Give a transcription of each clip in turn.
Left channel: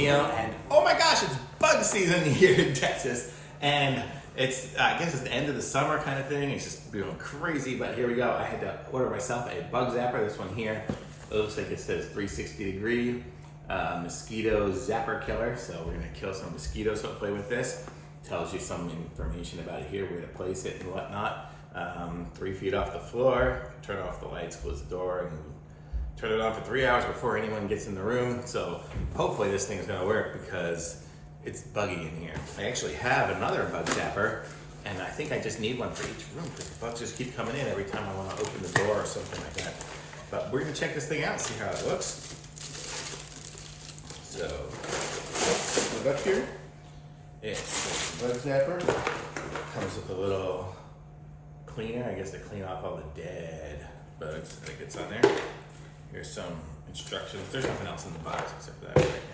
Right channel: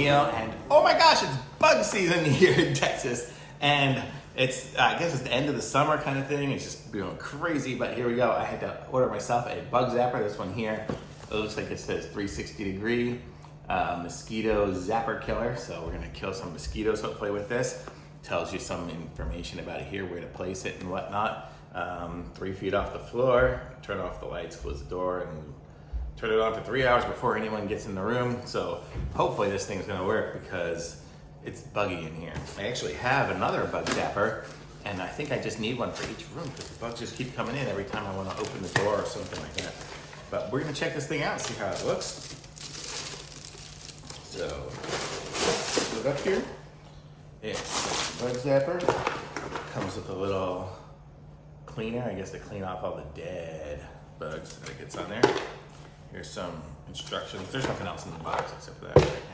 Neil, and oh my gosh, it's bug season here in Texas, and it's, I guess it's the end of the summer kind of thing. It's just going crazy, but here we go. I had to order myself a bug zapper. This one here, it looks like it says 360 degree Mosquito Zapper killer. So we're gonna kill some mosquitoes hopefully with this. Tells you some information about it here, where to place it and whatnot. 3 feet off the floor, turn off the lights, close the door, and turn it on for 3 hours before anyone gets in the room. So hopefully this thing is gonna work because it's buggy in here. I actually have another bug zapper, and I think I just need one for each room because the bugs just keep coming in every time I wanna open the door or something like that. But we're gonna check this thing out and see how it looks. So, we're up here. It's the bug zapper. Comes with a little cleaner, I guess, to clean off all the dead bugs that gets on there. Here's some instructions. There's nothing else in the box except for that right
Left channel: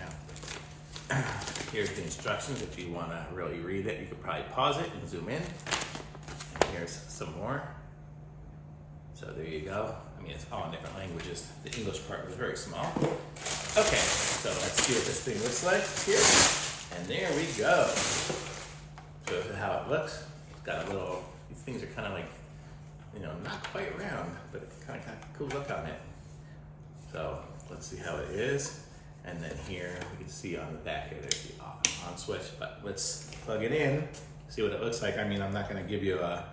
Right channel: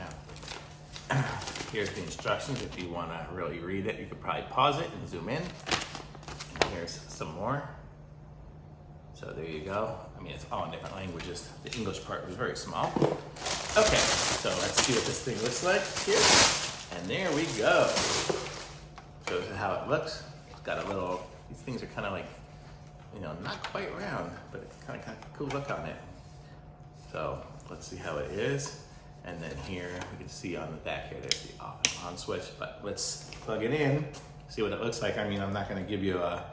now. Here's the instructions. If you want to really read it, you could probably pause it and zoom in. And here's some more. So there you go. I mean, it's all in different languages. The English part was very small. Okay, so let's see what this thing looks like here. And there we go. Shows you how it looks. It's got a little, these things are kind of like, you know, not quite round, but it's kind of cool look on it. So let's see how it is. And then here, we can see on the back here, there's the off and on switch, but let's plug it in, see what it looks like. I mean, I'm not gonna give you a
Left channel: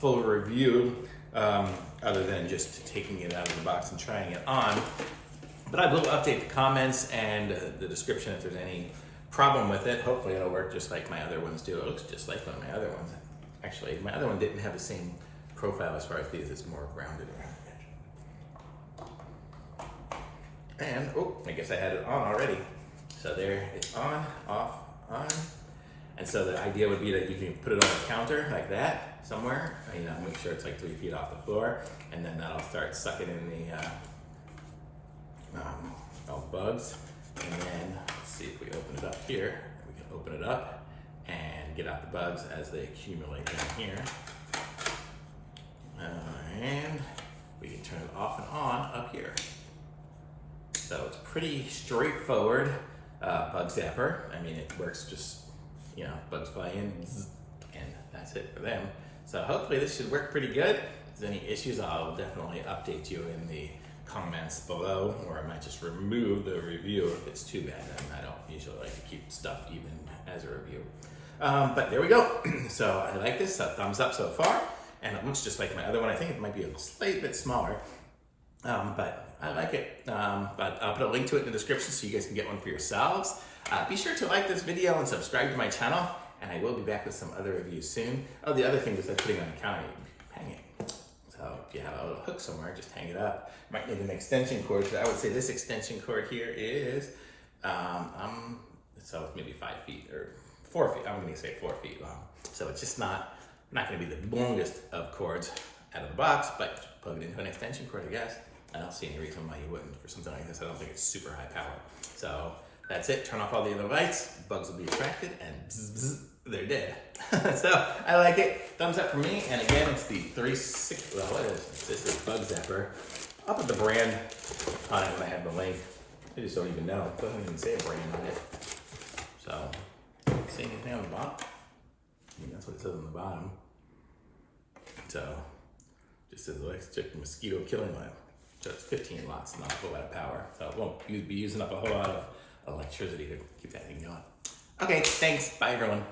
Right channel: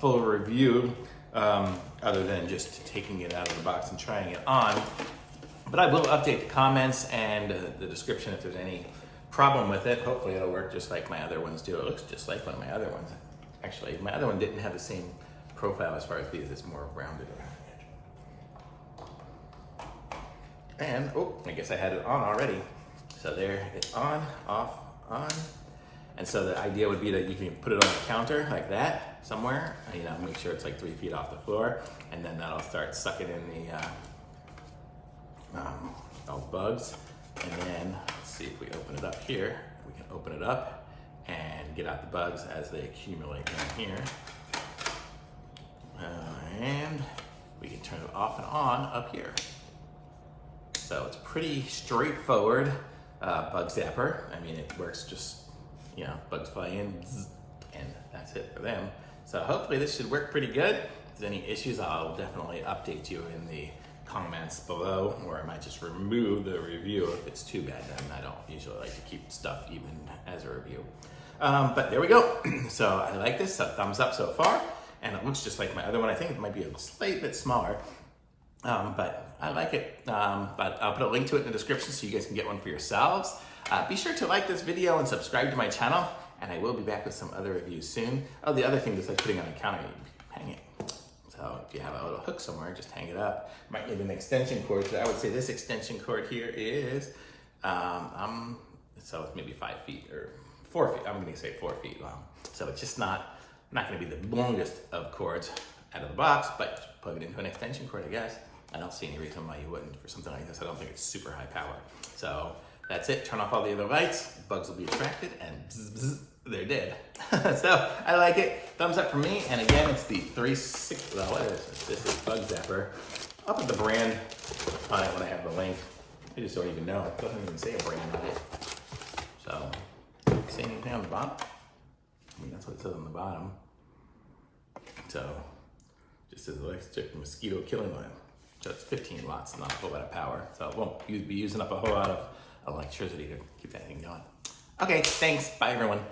full review other than just taking it out of the box and trying it on. But I will update the comments and the description if there's any problem with it. Hopefully it'll work just like my other ones do. It looks just like one of my other ones. Actually, my other one didn't have the same profile as far as these. It's more rounded around the edge. And, oh, I guess I had it on already. So there, it's on, off, on. And so the idea would be that you can put it on a counter like that somewhere, you know, make sure it's like 3 feet off the floor, and then that'll start sucking in the all bugs. And then, let's see if we open it up here. We can open it up and get out the bugs as they accumulate in here. And we can turn it off and on up here. So it's pretty straightforward bug zapper. I mean, it works just, you know, bugs fly in, and that's it for them. So hopefully this should work pretty good. If there's any issues, I'll definitely update you in the comments below, or I might just remove the review if it's too bad. Then I don't usually like to keep stuff even as a review. But there we go. So I like this, so thumbs up so far. And it looks just like my other one. I think it might be a slight bit smaller, but I like it. But I'll put a link to it in the description so you guys can get one for yourselves. Be sure to like this video and subscribe to my channel, and I will be back with some other reviews soon. Oh, the other thing is like putting on a counter, hang it. So if you have a little hook somewhere, just hang it up. Might need an extension cord. So I would say this extension cord here is, so it's maybe 5 feet or 4 feet. I'm gonna say 4 feet long. So it's just not gonna be the longest of cords out of the box, but plug it into an extension cord, I guess. I don't see any reason why you wouldn't for something like this. I don't think it's super high power. So that's it. Turn off all the other lights. Bugs will be attracted and zzz, they're dead. So I like it. Thumbs up from me. And again, it's the 360. Well, what is this? This is Bug Zapper. I'll put the brand on it when I have the link. I just don't even know. It doesn't even say a brand on it. So, see anything on the bottom? I mean, that's what it says on the bottom. So, just says electric mosquito killing lamp. So it's 15 watts, not a whole lot of power. So it won't be using up a whole lot of electricity to keep that thing going. Okay, thanks. Bye, everyone.